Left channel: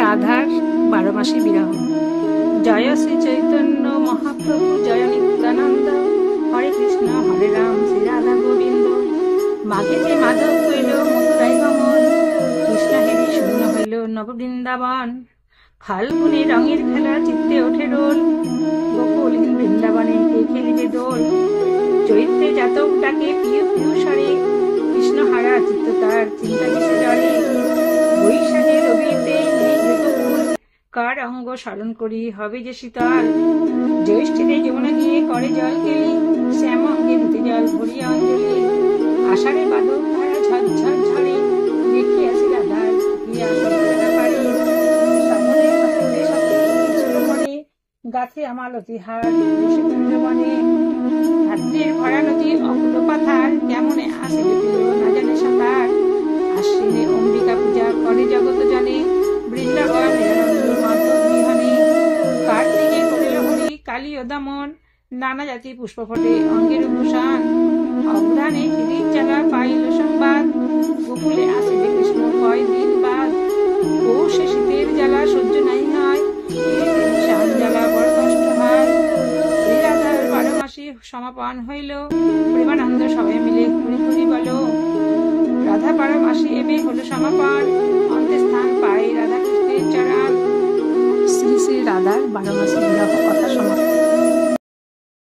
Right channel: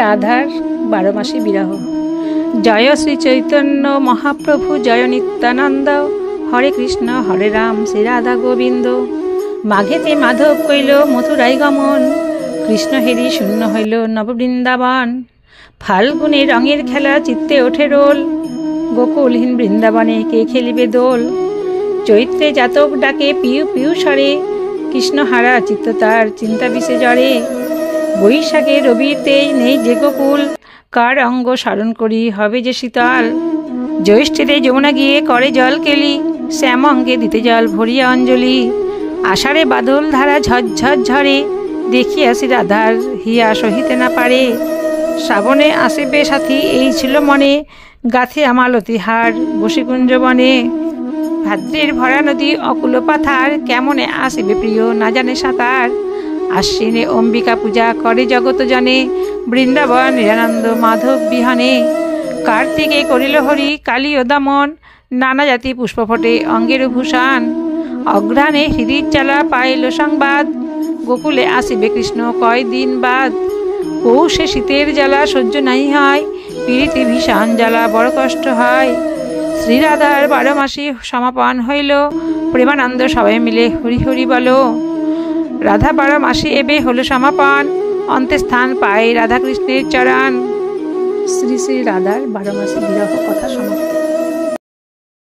রাধার 12 মাসে বিরহ। জয় শ্রী চৈতন্য মহাপ্রভু, জয় নিত্যানন্দ, হরে কৃষ্ণ হরে রাম, শ্রী রাধা গোবিন্দ। মাঘেতে মাধব কইল মথুরায় গমন, কৃষ্ণ হেরি শূন্য হইল নববৃন্দাবন। ফাল্গুনে রঙের খেলা চিত্তে ওঠে রোল, গোকুলহীন বৃন্দাবনে কে খেলিবে দোল। চৈত্রে জাতক ডাকে পিউ পিউ স্বরে, কৃষ্ণ হারা চিত্ত তার চিন্তা বিষে জড়ে। বৈশাখে রবিতেই নেই যে গোকুল, কার অঙ্গ স্মরণ করি হবে যে শীতল। জ্যৈষ্ঠেতে যমুনা গিয়ে করে জল কেলি, শ্যাম অঙ্গে দিতে জল ভরিয়া অঞ্জলি। আষাঢ়ে বাদল ধারা ঝরঝর ঝরে, দেখি আসি রাধার হিয়া সহিতে না পারে। শ্রাবণে আসিবে সাথী এই ছিল মনে, গাথে আমালতি হার বসে কুঞ্জবনে। ভাদ্রের ভরা নদী অকুল পাথার, কেমনে আসিবে প্রিয় না জানে সাঁতার। আশ্বিনে অম্বিকা পূজা করে জগত জনে, বৃন্দাবন নিরানন্দ মাধব বিহনে। কার্তিকে করিল হরি কালী ও দমন, নানা জাতি পুষ্প ফটে অঙ্গের ভূষণ। অঘ্রাণে হৃদির চালা পাইল সংবাদ, গোকুলে আসিবে কৃষ্ণ কয়দিন বাদ। পৌষে শীতের জ্বালা সহ্য নাই হয়, পীড়িতে ভীষণ জ্বালা বড় কষ্ট হয়। শ্রীরাধার 12 মাসে সমাপন হইল, প্রেমানন্দ সবাই মিলে হরি হরি বলো। রাধা 12 মাসে এবে হলো সমাপন, অন্তে স্থান পায় রাধা কৃষ্ণের চরণ। শ্রী শ্রী রাধার 12 মাসে বিরহ কথা সমাপ্ত।